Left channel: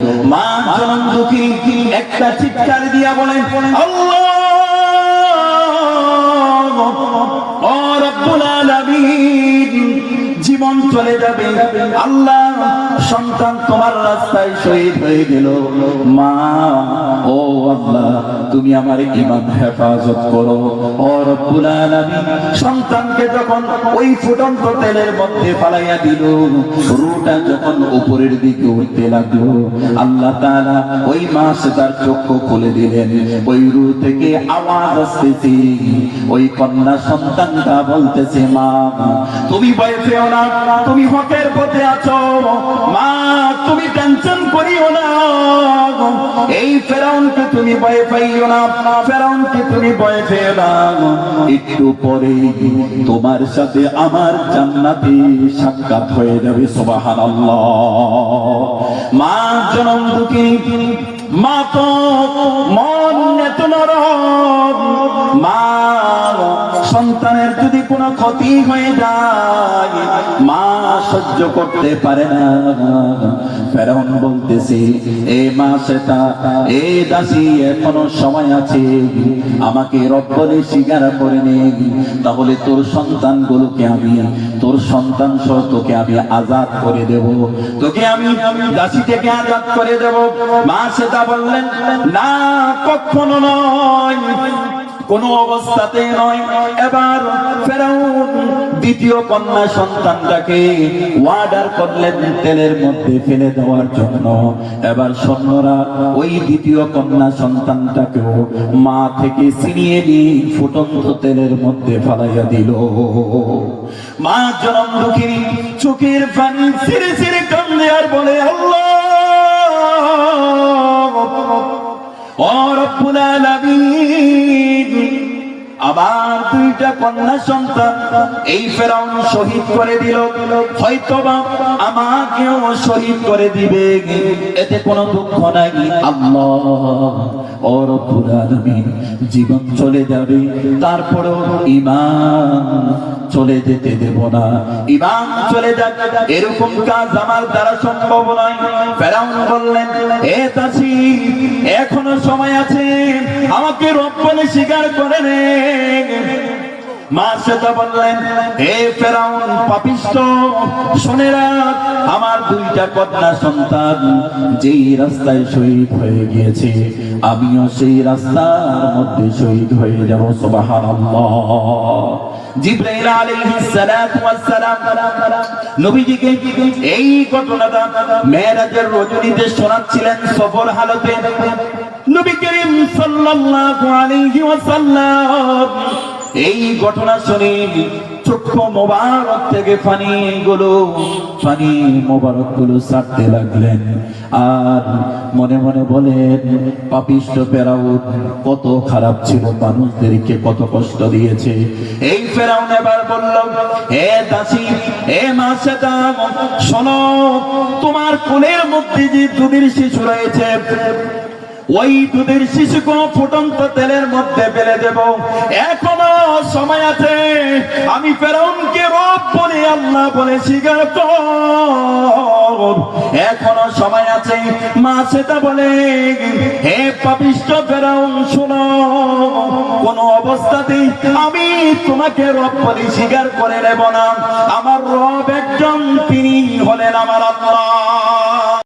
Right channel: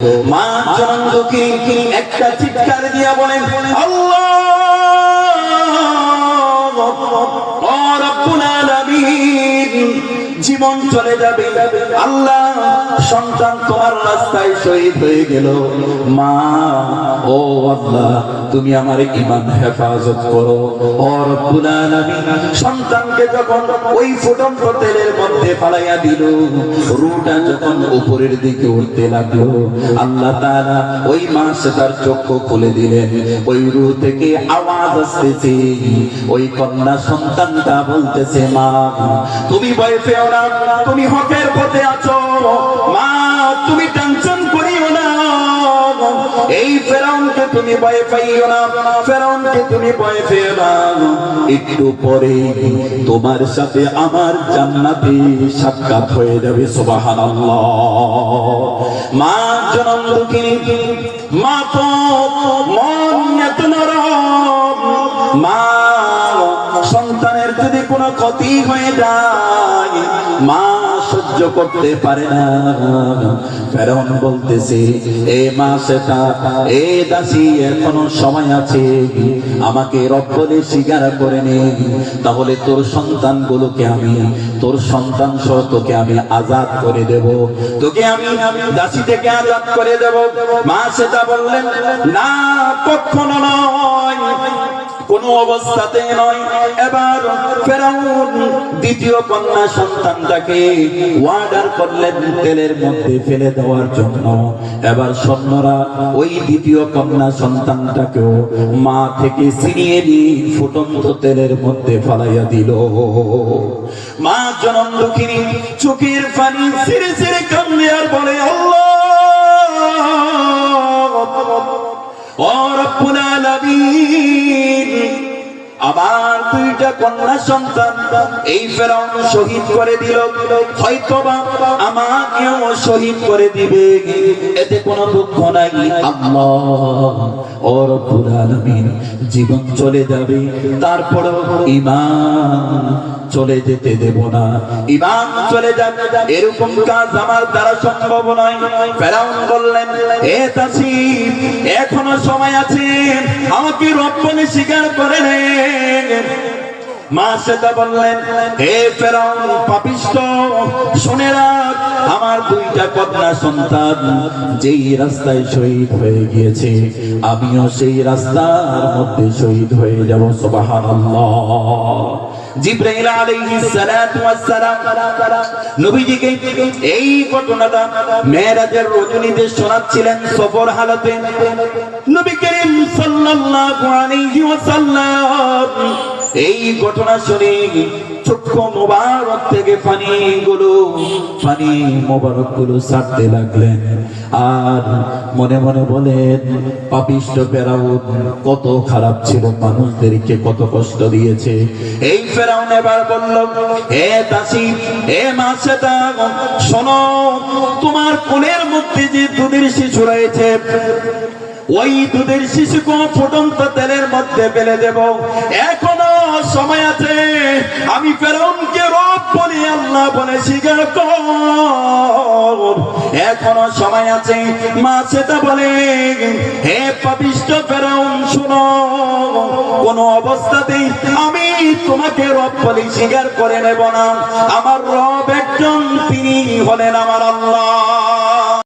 মা জনম দুঃখী একটা চিৎকার দিয়া বলেন, আল্লাহ ও রব্বুল আলামিন, জীবন চলে যাবে, আল্লাহ সন্তান তোমার রাস্তায় শহীদ হয়ে গেল, মা ও আল্লাহ তুমি আমার ঈমান হেফাজত করো। ও রব্বুল আলামিন, সন্তানকে যখন ওই ফুটন্ত তেলের মধ্যে ফালাইয়া দিল, রূহটা যখন উপরের দিকে উঠতে লাগলো, আল্লাহ তাআলা ওই মা সে তার চক্ষু খুলে দিলেন। ওই রূহ থেকে আওয়াজ আসতেছে, ওই কন্যা সন্তানটা বলতেছে, মা তুমি ভয় পেও না, তুমি হকের পথে আছো, মা তুমি টেনশন করিও না, এই ফেরাউনকে তুমি ভয় পাইও না, ফেরাউনকে তুমি ভয় পেও না, একটু পরে তোমার সাথে আমার জান্নাতে সাক্ষাৎ হয়ে যাবে। সুবহানাল্লাহ। মা জনম দুঃখিনী, মা তো মন এত নরম, মা সন্তানের যদি কোনো ক্ষতি হয়ে যায় মা সহ্য করতে পারে না। ফেরাউন বলতেছে, এ মা সেটা, এ দাসী এখনো সময় আছে, আমাকে রব বলে স্বীকার করে নে, তাহলে তোর সন্তানগুলোকে আমি, তোর সন্তান সহ তোকে আমি আজাদ করে দেব, তোকে আমি দাসী থেকে আজাদ করে দেব। মা সেটা বললেন, না কখনো নয়, কোন অবস্থাতে নয়। এবার ফেরাউন দ্বিতীয় কন্যা সন্তানটাকে ওয়ার্ডার করলেন তেলের মধ্যে ফেলে দেওয়ার জন্য। এবার সৈন্যরা ওই দ্বিতীয় কন্যা সন্তানটাকেও মা থেকে ছিনিয়ে নিয়ে ফুটন্ত তেলের মধ্যে ফালাইয়া দিল। মা জনম দুঃখিনী চোখের পানি ছিঁড়ে ছিঁড়ে কান্দে আর বলে, আল্লাহ ও রব্বুল আলামিন, আবার দুইটা কন্যা সন্তান এই ফেরাউন শহীদ করে দিল, হয়তোবা আমাকেও শহীদ করে দিবে, এতে কোনো দুঃখ নাই। আল্লাহ ও রব্বুল আলামিন, জীবন চলে যাবে, তারপরও ঈমান চলে যেতে দেব না, ঈমান চলে যাবে, এরকম কাজ আমার দ্বারা সম্ভব নয়। ফেরাউন বললেন, হে দাসী এখনো সময় আছে, আমাকে রব বলে স্বীকার করে নে। মা সেটা বললেন, হে ফেরাউন পাপিষ্ঠ, শুনে রাখ, আমার দুইটা কন্যা সন্তান যেই রাস্তায় শহীদ হয়ে গিয়েছে, আমিও সেই রাস্তার মধ্যে শহীদ হয়ে যাব। সুবহানাল্লাহ। জিবরাইল আলাইহিস সালাতু ওয়াস সালাম নবীজিকে এই ঘটনাটা মেরাজের রজনীতে শোনাচ্ছিলেন সফর হালতে। নবী করিম সাল্লাল্লাহু আলাইহি ওয়াসাল্লাম এই ঘটনা শুনে চক্ষু মোবারক থেকে পানি মোবারক গুলো ছাড়তে লাগলেন, আর মনে মনে বলেন, পাপিষ্ঠ ফেরাউন কত খারাপ ছিল, মানুষদেরকে কত কষ্ট দিয়েছে। এই ফেরাউন এবার বলল, হে দাসী, হে মা সেটা, শোনো, তোমার কোলের মধ্যে যে দুধের শিশু রয়েছে, ওই দুধের শিশুকে ফুটন্ত তেলের মধ্যে ফেলে দেব, এখনো সময় আছে, আমি ফেরাউনকে রব বলে আল্লাহ বলে স্বীকার কর, এখনো সময় আছে। মা সেটা বলে, হে পাপিষ্ঠ ফেরাউন শোনো, কোন অবস্থাতেই আমি তোমাকে রব বলে স্বীকার করে নেব না, আমার রব একজন, তিনি হলেন আমার আল্লাহ।